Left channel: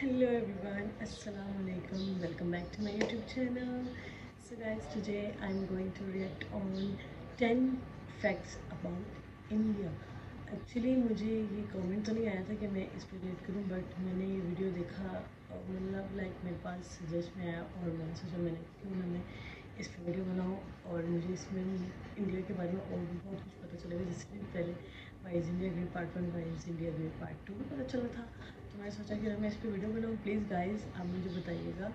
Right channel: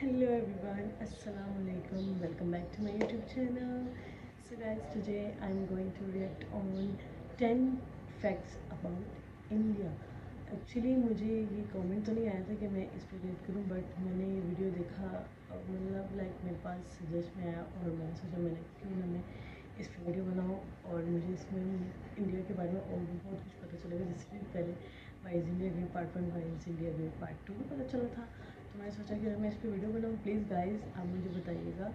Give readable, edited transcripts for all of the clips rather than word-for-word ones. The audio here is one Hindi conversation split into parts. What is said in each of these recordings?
Hello everyone, Assalamu alaikum. Welcome back to my YouTube channel. So guys, today I'm going to react on 10 facts about India. Actually मुझे ये कमेंट तो नहीं आया था कि मैं इस पर रिएक्ट करूं, बट मैंने ये वीडियो देखा, मतलब लाइक मेरे पास सजेस्ट में आया और मैंने सोचा मैंने क्यों ना मैं इस पर वीडियो बनाऊं और मुझे इसमें इंडिया के बारे में और भी बहुत कुछ पता चलेगा। जैसे कि पहले wise India gate part 1, wise India gate part 2 भी पता चला था, तो मैंने सोचा कि मैं इस पर वीडियो बनाऊँ। प्लीज़ गाइज आप मुझे बताइएगा।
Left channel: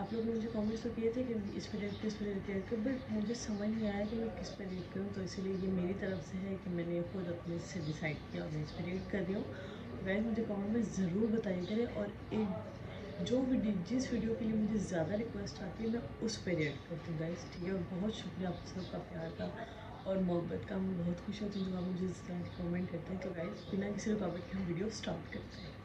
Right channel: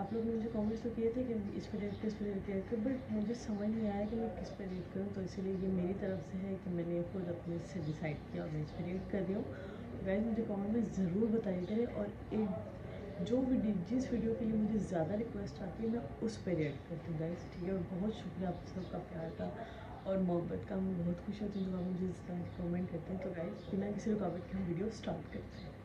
आप लोग ने मुझे कमेंट्स तो किए थे कि इस पर रिएक्ट कर, बट मुझे समझ नहीं आया कि मैं किस पर रिएक्ट करूँ, तो इसीलिए ये मेरी तरफ से है कि मैंने खुद अपने से डिसाइड किया और मैं इस पर रिएक्ट कर रही हूँ। गाइज मुझे कमेंट में ज़रूर बताइएगा और एक जिस वीडियो के लिए मुझे ज़्यादा रिक्वेस्ट आती है मैं उस पर रिएक्ट करती हूँ गाइज, ठीक है। बहुत शुक्रिया आप सबका प्यार का और मोहब्बत का। मैं बहुत खुश होती हूँ जब आप मुझे इस तरह के कमेंट करते हैं। तो गाइज बिना किसी रुकावट के हम वीडियो स्टार्ट करते हैं।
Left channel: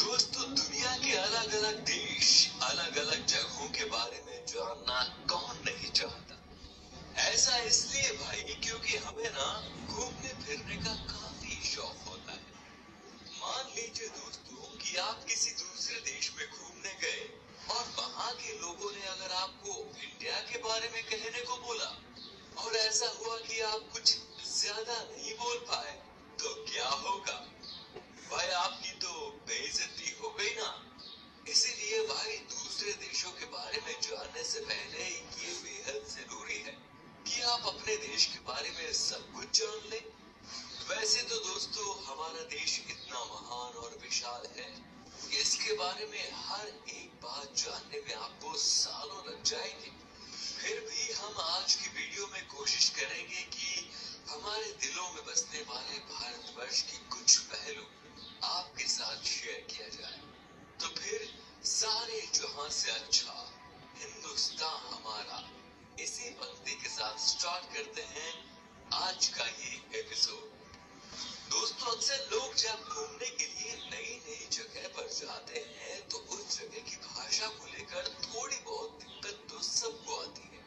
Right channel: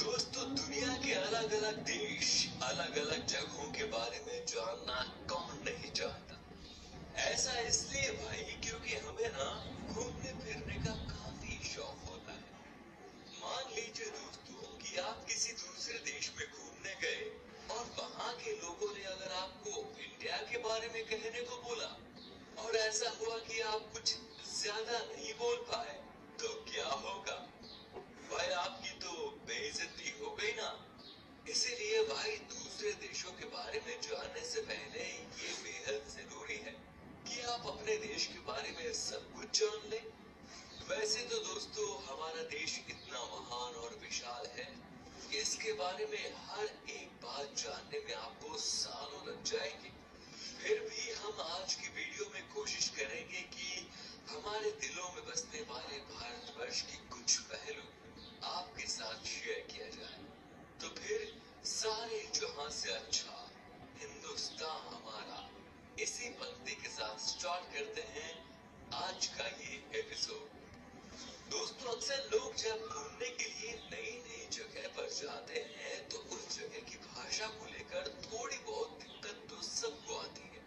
दोस्तों, दुनिया के अलग अलग देश, अलग अलग जगहों के बारे में जानना कौन नहीं चाहता। ऐसा इसलिए भाई क्योंकि हमें ना घूमने फिरने का काफी शौक होता है। मान लीजिए दोस्तों कि आप किसी दूसरे देश में घूमने गए और वहाँ के लोगों ने अगर आपको इंडिया के बारे में कहने को बोला और ऐसा हुआ कि आप कुछ ज्यादा नहीं बोल पाए, तो क्या होगा भाई? आपकी तो बेइज्जती हो गई ना। इसीलिए भाई दूसरे देशों के बारे में जानने से पहले ये बेहद जरूरी है कि आप अपने देश के बारे में सब कुछ जान लें। वैसे तो दोस्तों हमारा देश इतना महान और विशाल है कि इसके बारे में हर एक बात जानने में आपको सालों लग जाएंगे। फिर भी हम आज की वीडियो में कोशिश करेंगे कि हमारे दिलों में बसने वाले भारतवर्ष की कुछ पहलू आपके साथ शेयर किया जाए। तो फिर सारे जहां से अच्छा हिंदुस्तान हमारा, इसी पंक्ति के साथ स्टार्ट करते हैं आज का ये एपिसोड। दोस्तों, अक्सर लोग जब घूमने के लिए नई नई जगह पर जाते हैं तो उस जगह की भाषा को लेकर थोड़ी बहुत दिक्कत तो सबको आती है।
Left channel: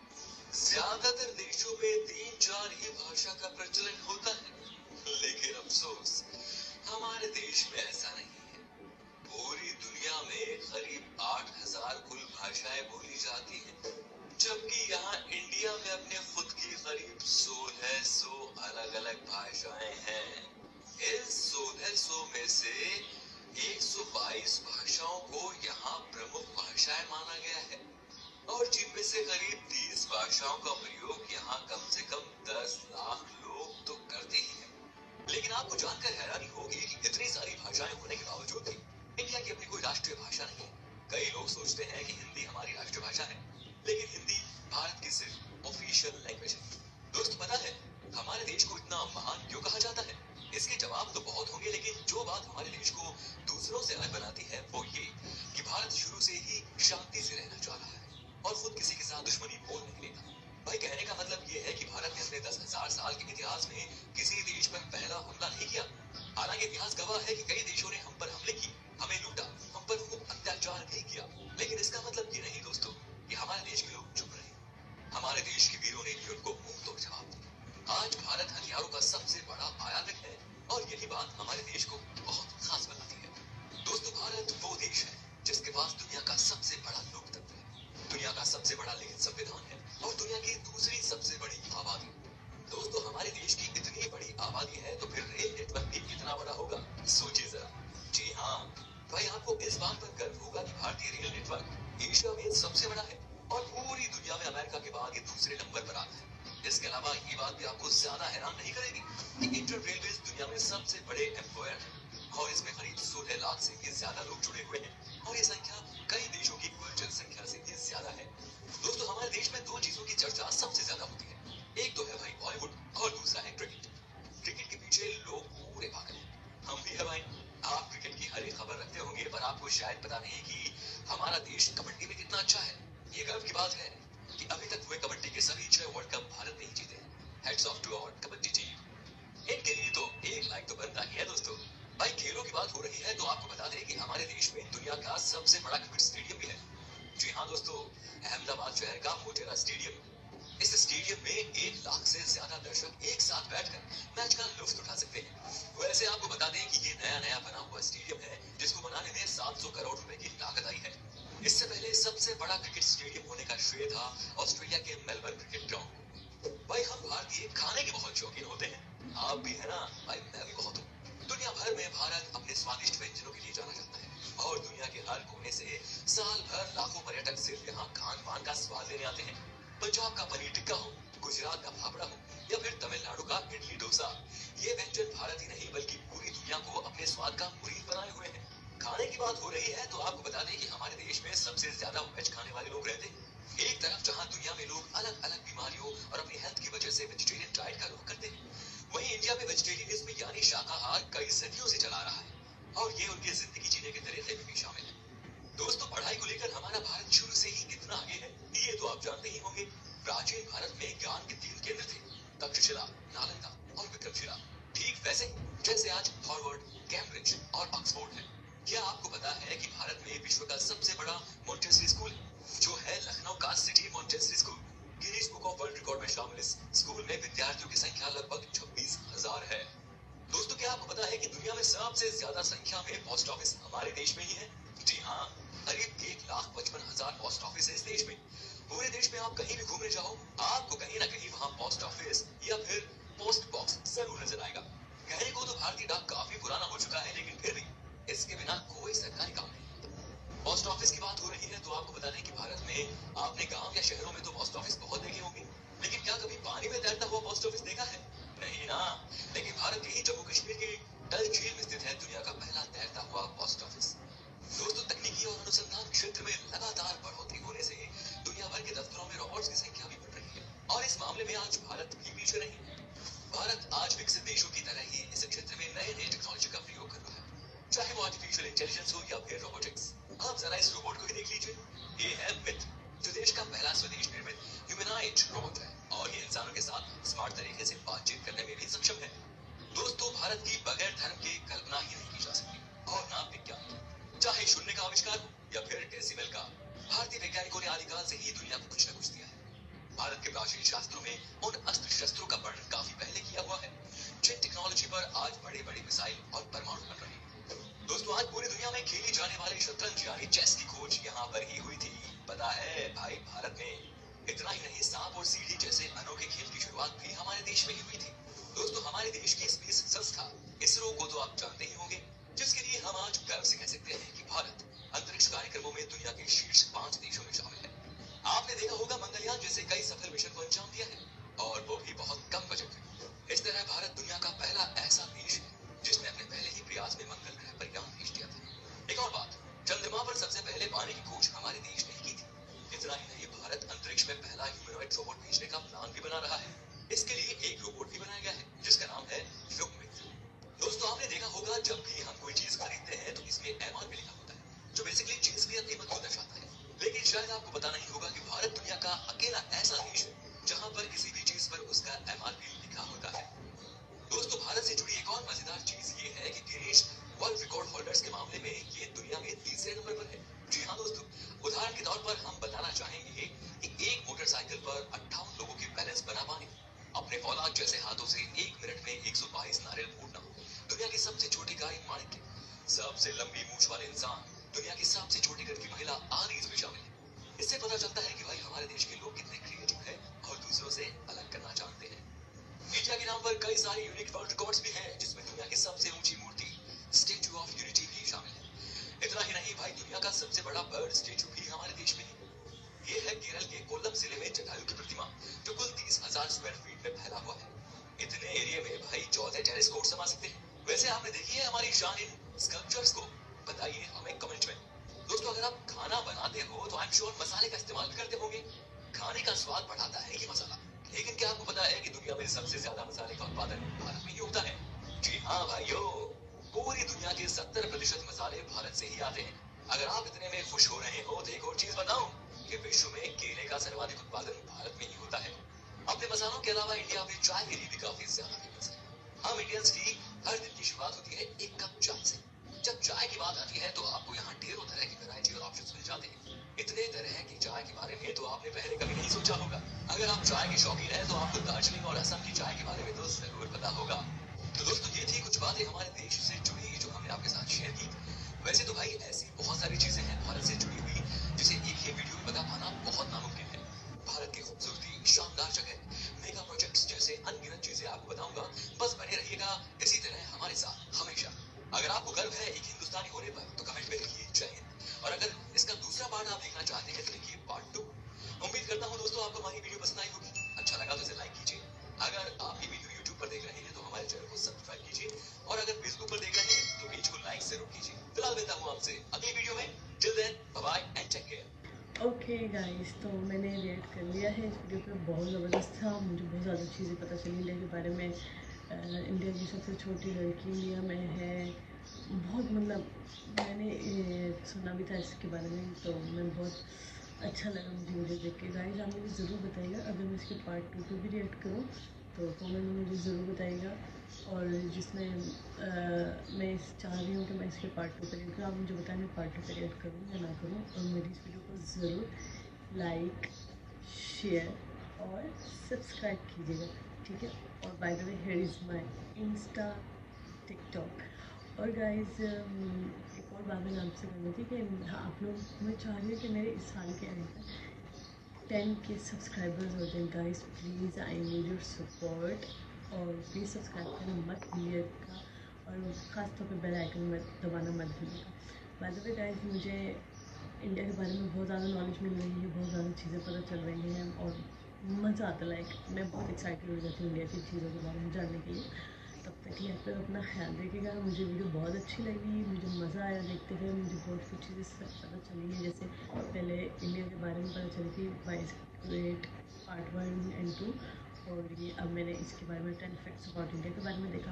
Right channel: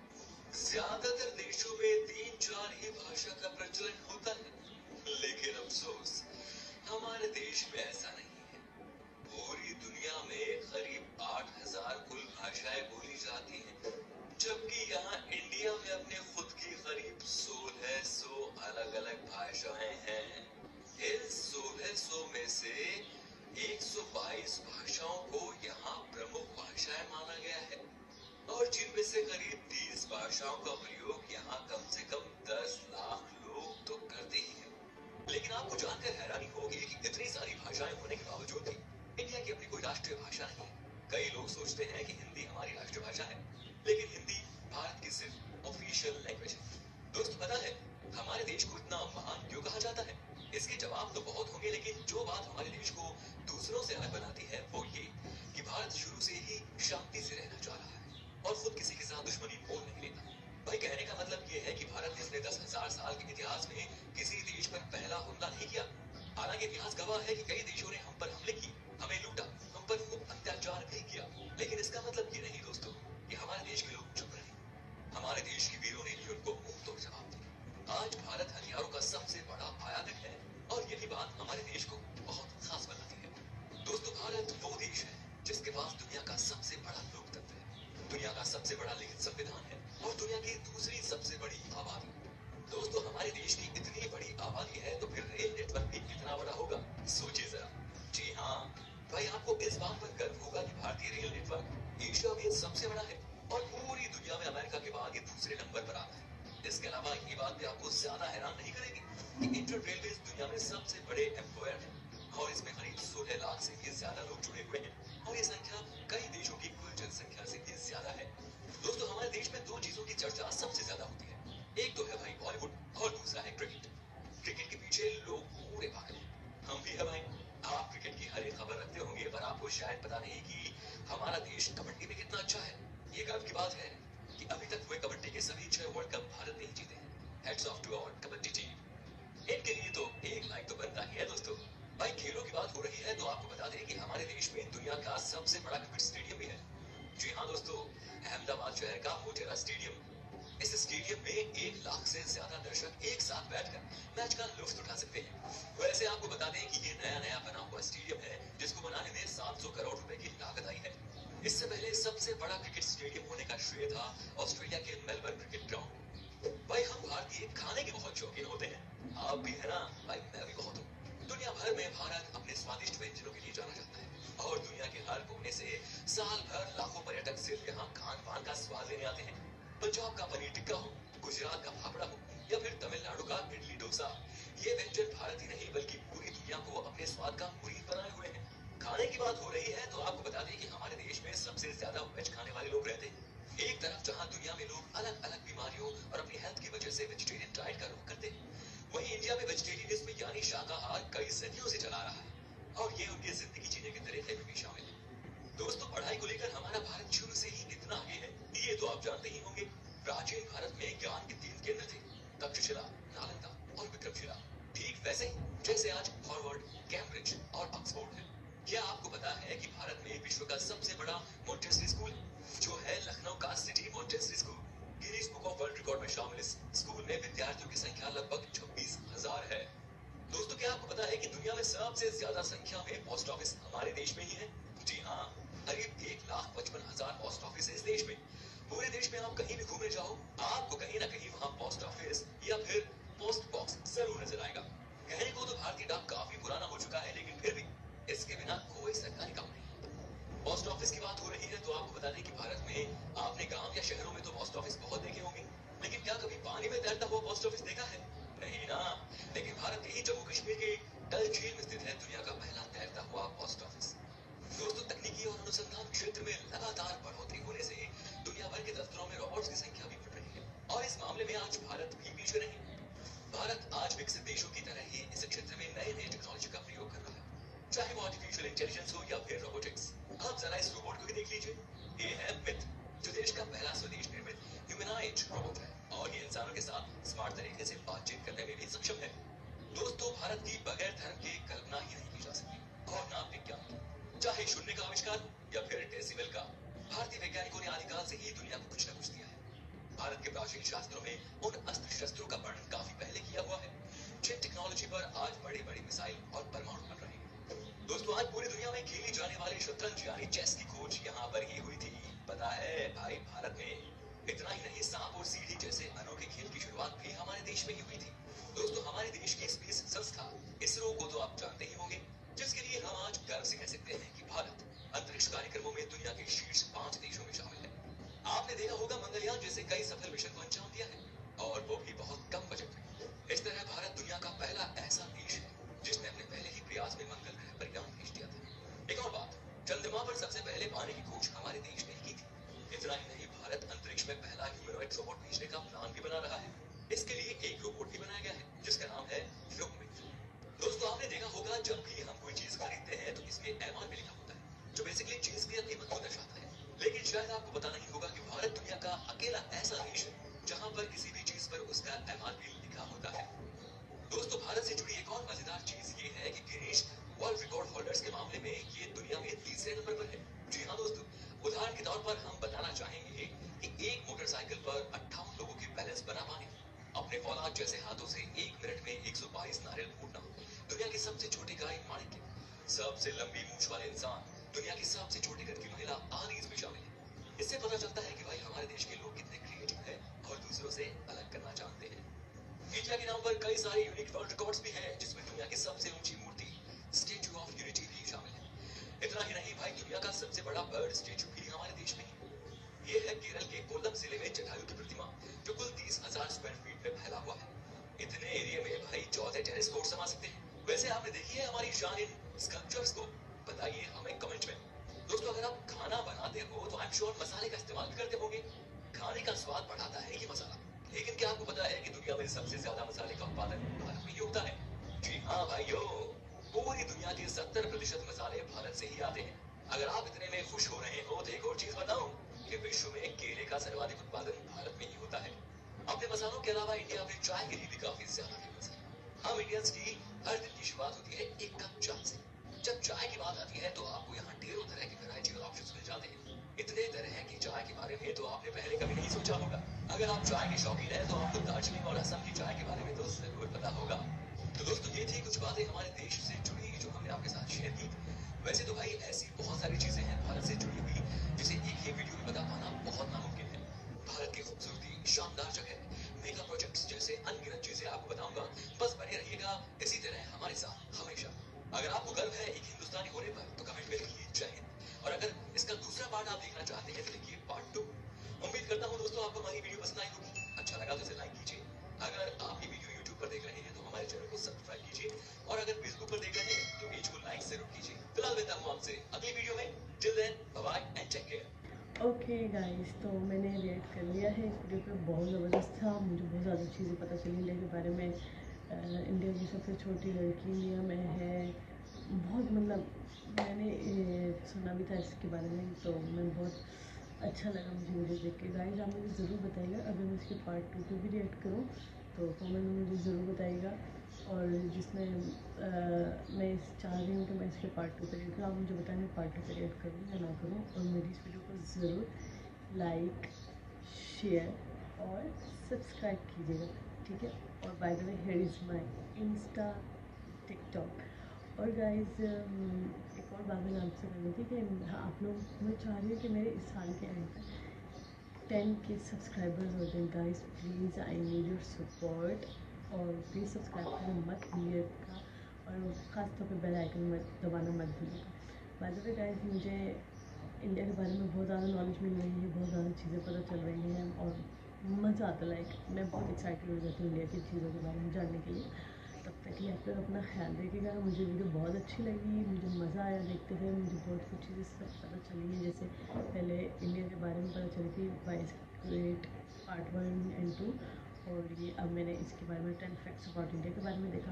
ज्यादातर देशों में 3-4 ही भाषा का प्रचलन होता है, लेकिन अफसोस हमारे देश में ऐसा नहीं है। पूरी दुनिया में करीब 8,000 कुल भाषाएं बोली जाती हैं, जबकि यहाँ इंडिया में अपने खुद की करीब 1600 अलग अलग भाषाएं हैं। इन 1600 में से 122 भाषाओं को यहाँ प्रमुख भाषाएं माना गया है और जिनमें से करीब 30 भाषाओं का प्रयोग यहाँ कम से कम 10 लाख लोग तो करते ही हैं। लेकिन आपको जानकर हैरानी होगी कि इतनी सारी भाषाएं होने के बावजूद भी इंडिया की अपनी कोई राष्ट्रीय भाषा नहीं है। कई लोग सोचते हैं कि हिंदी हमारी राष्ट्रीय भाषा है, लेकिन हिंदी भारत की सिर्फ ऑफिशियल लैंग्वेज है। दोस्त, पता है हमारे देश को इतना महान क्यों कहा जाता है? इसके जवाब तो बहुत होंगे, लेकिन जो बात हमारे देश को दूसरों से अलग बनाती है वो ये कि भारत शुरू से ही शांति से रहना चाह रहा है और खुद किसी के साथ दुश्मनी बोल नहीं देता। भाई, कहने का मतलब ये है कि भारत ने अपने 10,000 साल के इतिहास में किसी देश पर पहला हमला नहीं किया। हालांकि इतिहास गवाह है कि कई देशों ने हम पर हमले किए, हमें लूटा, हम पर खूब अत्याचार भी किया, लेकिन इसका मतलब ये नहीं दोस्तों कि हमारे देश के लोग चुप रहे। हमारे देश के वीरों ने भी उनको मुंह तोड़ जवाब दिया। आज भारत हथियारों का सबसे बड़ा आयातक है और यही बात हमारे देश को बहुत खास बनाती है। दोस्तों, भारत वो देश है जिसके पास दुनिया का सबसे बड़ा लोकतंत्र है, दुनिया का सबसे बड़ा लिखित संविधान है और दुनिया की दूसरी सबसे बड़ी आबादी। दोस्तों, हमारे देश की इतनी बड़ी आबादी है तो फिर रेल नेटवर्क भी कितना बड़ा होगा, सोचिए जरा। जी हाँ भाई, आपको इस बात पर गर्व होगा कि भारतीय रेल नेटवर्क एशिया में सबसे बड़ा है और पूरी दुनिया में अमेरिका के बाद ये दूसरे नंबर पर आता है। इसके अलावा ये बात भी आपको ज्यादा हैरान नहीं करेगी कि इंडियन रेलवे दुनिया में सबसे बड़े एम्प्लॉयर है और इसमें करीब 16 लाख से भी ज्यादा लोग जुड़े हुए हैं और ये संख्या कई देशों की कुल जनसंख्या से भी ज्यादा है। दोस्तों, हमारे देश में 2 चीजों की चर्चा सबसे ज्यादा होती है। एक तो है भाई बॉलीवुड और दूसरा है क्रिकेट। क्रिकेट के पीछे लोग पूरे पागल हैं, हम भी है भाई। आप क्रिकेट की हर एक खबर रखते होंगे, पर आपको शायद पता नहीं कि हमारा देश कबड्डी में कितना अच्छा है। ये गर्व की बात है कि अभी तक हुए कबड्डी के सभी 6 वर्ल्ड कप भारत ने ही जीते हैं। Heads off to our kabaddi team. इनके लिए तो एक लाइक तो बनता ही है दोस्तों। भाई खेलों की बात हो रही है तो आपको बता दें कि हमारे देश में दुनिया का सबसे बड़ा क्रिकेट स्टेडियम भी है। जी हाँ दोस्तों, अहमदाबाद शहर का मोटेरा स्टेडियम। इस स्टेडियम में 1 लाख से ज्यादा दर्शक एक साथ बैठकर मैच का लुत्फ उठा सकते हैं। वैसे आपको बता दें कि ये नया बना हुआ स्टेडियम है जिसको बनाने में 700 करोड़ रुपए की लागत आई है। इससे पहले सबसे बड़ा क्रिकेट स्टेडियम होने का श्रेय था ऑस्ट्रेलिया के मेलबर्न क्रिकेट ग्राउंड। भाई हम भारतीय खाने के बहुत शौकीन होते हैं, आप भी है ना? भाई मैं भी बहुत हूँ। दुनिया भर में भारत अपने स्वादिष्ट व्यंजनों के लिए जाना जाता है और दुनिया के हर कोने से साल भर लाखों पर्यटक सिर्फ यहाँ खान पान का स्वाद लेने आते हैं। पंजाब का पनीर टिक्का हो, गुजरात का फाफड़ा हो या फिर तमिलनाडु का इडली डोसा, ये व्यंजन भारत ही नहीं बल्कि पूरी दुनिया को अपने स्वाद का मुरीद बनाए हुए हैं। खाने की बात हो रही है तो आपको बता दें कि हमारे देश में सबसे ज्यादा वेज खाने वाले लोग रहते हैं। एक तरफ जहां दुनिया में लोग अलग अलग बीमारियों और अपनी हेल्थ की वजह से वेजिटेरियन डाइट का रुख करते हैं, वहीं इंडिया में वेजिटेरियनिज्म यानी शाकाहार कई सदियों से चला रहा है और ये उनके जिंदगी जीने के तरीके में भी शामिल है। दोस्तों पढ़ाई को लेकर हमारा भारत शुरू से ही इतना आगे है, ये तो आप जानते ही होंगे। प्राचीन भारत में ज्ञान के 3 केंद्र थे, तक्षशिला, नालंदा और विक्रमशिला। ठीक वैसे जैसे आज हार्वर्ड, कैम्ब्रिज और ऑक्सफोर्ड है। क्या आपको पता है कि भारत में विश्व का सबसे बड़ा मॉन्टेसरी स्कूल जो है लखनऊ का city Montessori school, Guinness book of world record में शामिल। इस स्कूल में विद्यार्थियों की संख्या लगभग 26,000 है। दोस्तों क्या आपको पता है कि दुनिया में सबसे ज्यादा संख्या में पोस्ट ऑफिस हमारे देश में ही है? जी हाँ, करीब 1,55,000 पोस्ट ऑफिस है इस देश में। पूरे देश में आप कहीं भी घूमने जाओ, आपको कहीं ना कहीं वहाँ पोस्ट ऑफिस या फिर पोस्ट बॉक्स जरूर नजर आएगा। कहने को तो भारतीय डाक काफी पुराना हो चुका है, लेकिन फिर भी इसके बिना कोई सरकारी काम नहीं। पोस्ट ऑफिस की बात हो रही है तो आपको बता दें कि भारत में आपने गांव या शहरों में तो पोस्ट ऑफिस बहुत देखे होंगे, लेकिन क्या कभी पानी में तैरता हुआ पोस्ट ऑफिस देखा है? नहीं ना। लेकिन भारत के ही जम्मू कश्मीर के डल झील में स्थित है दुनिया का पहला तैरता हुआ पोस्ट ऑफिस। दोस्तों तकनीकी और अनुसंधान क्षेत्र में लगातार बढ़ोतरी होने से दुनिया भर के दफ्तरों में रोबोट्स की संख्या भी बढ़ रही है और इस मामले में आज भारत भी पीछे नहीं। भारत आज विकसित देशों की तरह ही इस क्षेत्र में नए टेक्नोलॉजी का प्रयोग कर रहा है, चाहे वो आर्टिफिशियल इंटेलिजेंस हो या फिर रोबोटिक्स। आप जरा इस रोबोट को भी देख लीजिए, ये है मिथ, जो देश का पहला स्वदेश निर्मित ह्यूमनॉइड रोबोट है और ये इंसानों के साथ स्मार्ट तरीके से बातचीत करने में भी सक्षम है। दोस्तों भारत की बगैर धर्म की कल्पना ही नहीं की जा सकती और ना विज्ञान, चाहे शून्य का आविष्कार हो या फिर डेसिमल का, भारतीय वैज्ञानिकों ने आदिकाल से ही दुनिया को कुछ न कुछ दिया है। भारत के प्राचीन शास्त्रों में उन अस्त्र शस्त्रों का वर्णन काफी पहले किया हुआ है जिन टेक्नोलॉजी पर आज बड़े बड़े मिसाइल और परमाणु बन रहे हैं। दोस्तों आज पूरी दुनिया में खेली जाने वाली शतरंज यानी चेस की खोज यहाँ पर ही हुई थी। पता है भाई भारत में इतना ही नहीं, सांप और सीढ़ी जैसे अनोखे खेल की शुरुआत भी हमारे देश में ही हुई थी। दोस्तों हमारे देश की स्पेस संस्था इसरो को तो आप जानते ही होंगे, जिसके लिए हम आज गर्व से कह सकते हैं कि भारत अंतरिक्ष कार्यक्रमों में दुनिया के शीर्ष 5 देशों में शामिल है। आपने देखा होगा मंगलयान जैसे कई सफल मिशन को अंजाम दिया है और वो भी बहुत कम बजट में। इस तरह भारत दुनिया का पहला ऐसा देश है जिसने अपने पहले ही प्रयास में मंगल ग्रह पर यान भेज दिया था। एक और बात, चंद्रमा पर सबसे पहले पानी की खोज हमारे देश ने ही की थी। इतना ही नहीं, भारत अंतरिक्ष में पहला ह्यूमनॉइड रोबोट भेजने का प्लान भी बना रहा है। इसके लिए एक रोबोट भी बनाया गया है जिसका नाम है फ्लुकमिट। दोस्तों आपने देखा होगा जब भी हम कोई चीज खरीदते हैं तो इसमें एमआरपी लिखा होता है जो बेसिकली चीज की कीमत को दर्शाता है, लेकिन शायद आपको पता नहीं होगा कि भारत दुनिया का अकेला ऐसा देश है जहां पर किसी भी चीज पर उसका एमआरपी लिखा होता है। दोस्तों भारत से जुड़ी एक और मजेदार चीज ये है कि गिनीज वर्ल्ड रिकॉर्ड होल्डर्स के मामले में ये दुनिया में 3रे नंबर पर है। जी हाँ दोस्तों, उदाहरण के तौर पर हम बताना चाहेंगे कि एक मोटरसाइकिल पर 58 लोगों की बैलेंस बना पाने, अपने औलाद जैसे हाथों से 1 मिनट में 122 नारियल फोड़ना, दुनिया की सबसे छोटी गाय माणिक्य, सबसे लंबी मूंछ वाले इंसान, दुनिया की सबसे छोटी गर्भवती महिला आदि इसमें शामिल है। इससे पता चलता है कि भाई हमारे देश के लोग कितने क्रिएटिव हैं और दूसरों से अलग करना जानते हैं। इंडिया के नाम पर कई सारे यूनिक वर्ल्ड रिकॉर्ड्स भी हैं जिसमें दुनिया की सबसे ऊंची मूर्ति स्टैचू ऑफ यूनिटी भी शामिल है। इतना ही नहीं भाई, दुनिया का सबसे बड़ा बर्ड स्टैचू भी हमारे देश में है। ये है केरल के कोल्लम जिले में जटायु की प्रतिमा जो कुल 30,000 स्क्वायर फीट में फैला हुआ है। इतने एरिया में भाई 14 टेनिस कोर्ट समा सकते हैं। वैसे आपने देखी है हमारी शान इन स्कल्पचर्स को? बताइए हमें कमेंट में। दोस्तों अगर आप खाना बनाते हो तो आई एम श्योर मसाले का इस्तेमाल भी करते होंगे। खाने का स्वाद बढ़ाता है ये मसाला, लेकिन क्या आपको पता है कि दुनिया में सबसे ज्यादा मसाले का उत्पादन भारत में ही होता है? जी हाँ भाइयों, पूरी दुनिया के 70% मसाले भारत से ही आते हैं। अगर आप इतने में खुश हो रहे हो तो एक और चीज बताऊं कि विश्व में केले का सर्वाधिक उत्पादन भारत में ही होता है। अपने मसालों के अलावा इंडिया में चाय के लिए भी काफी ज्यादा फेमस है। हम इंडियंस की हर दिन की शुरुआत होती है एक कप चाय से। जब चाय की बात आती है तो आपको यहाँ ढेरों तरह की वैरायटी और ऑप्शंस मिल जाते हैं। इतने तरह की चाय के बारे में तो आपने पहले कभी नहीं सोचा होगा। अगर आप चाय के शौकीन हैं तो आपको दार्जिलिंग और असम की चाय के बारे में तो जरूर पता होगा। तो दोस्तों ये थी कुछ बातें हमारे देश से जुड़ी जो हमने आपके साथ शेयर की। वैसे तो भाई ऐसी बहुत सारी चीजें हैं भारत से जुड़ी हुई जिसे एक ही वीडियो में बता पाना बहुत नामुमकिन है। भारत की खूबसूरती, शानदार जगह, मेगा प्रोजेक्ट्स जैसे अनगिनत चीजें आपको बताऊंगा। बस बने रहिएगा इसी तरह हमारे साथ हमेशा। अगर आपको गर्व है एक हिंदुस्तानी होने पर तो कमेंट में लिखिए जय हिंद। और अगर इसका दूसरा पार्ट आप देखना चाहते हैं तो लिखिए पार्ट 2। उम्मीद करता हूँ दोस्तों आपको हमारी वीडियो पसंद आई होगी। अच्छा लगा तो इसे लाइक कीजिए। अगर आप ये वीडियो यूट्यूब पर देख रहे हैं तो हमारे चैनल को सब्सक्राइब कीजिए। और अगर फेसबुक पर देख रहे हैं तो पेज को लाइक जरूर कीजिए। फिलहाल मिलता हूँ आपसे अगली वीडियो में। Till then bye bye and take care. Okay guys, तो मैंने रिएक्ट कर लिया है इस वीडियो पे। बहुत ज़बरदस्त था, मुझे बहुत ज़्यादा चीज़ें पता चली इंडिया के बारे में। इंडिया की सबसे छोटी लड़की इंडिया में है। बहुत मतलब मैंने सुना भी था इसके बारे में, तो मैं बहुत अच्छा लगा मुझे वीडियो देख के। गाइस आप मुझे ज़रूर बताइएगा अगर मैं इसके पार्ट 2 पे भी रिएक्ट करूँ तो कमेंट में मुझे ज़रूर बताइएगा। और जिसमें मैं चाह रही हूँ कि मैं इसके पार्ट 2 पे रिएक्ट करूँ, आप मुझे बताएं मैं पार्ट 2 पे रिएक्ट करूँ या ना करूँ। और मेरी इस वीडियो को ज़रूर लाइक, शेयर और सब्सक्राइब कीजिएगा, ठीक है। और by the way here is my Insta, TikTok. और गाइस एक और बात मैंने आपसे करनी थी कि हाँ, आप लोग, मैं चाह रही हूँ कि मेरे इस साल के एंड तक 10 के सब्सक्राइबर्स हो जाए। Guys please I need your support. और प्लीज़ सब्सक्राइब करना मत भूलिएगा और ख़ास तौर पे बेल आइकन मत दबाना मत भूलिएगा। बाय द वे गाइस मुझे इंडिया के बारे में बहुत ज़्यादा नॉलेज मिल रही है, बहुत ज़्यादा चीज़ें पता चल रही हैं और मज़ा आता। लाइक मैं बहुत एक्साइटेड हो जाती हूँ इंडिया की चीज़ों के बारे में जानने के लिए। तब तक के लिए आप लोग अपना ख्याल रखिएगा। मुझे वीडियो बहुत अच्छी लगी, मुझे मज़ा आया देखते हुए। मुझे बहुत कुछ चीज़ें पता चली हैं, जैसे पहले इंडिया के बारे में पता चली थी वाइस ग्रेट पार्ट 1 एंड 2। और ये अब मैंने इसके बारे में 10 फैक्ट्स अबाउट इंडिया के बारे में देखा।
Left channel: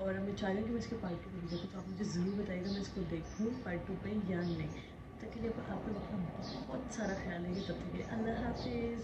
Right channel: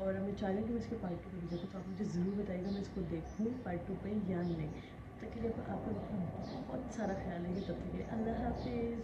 और अब मैं चाह रही हूँ कि मैं इसके पार्ट 2 पे भी देखूँ, तो आप मुझे ज़रूर बताइएगा मैं इसको देखूँ पार्ट 2 पे या नहीं। तब तक के लिए आप लोग अपना बहुत सारा ख्याल रखिए। तब तक के लिए अल्लाह हाफिज़।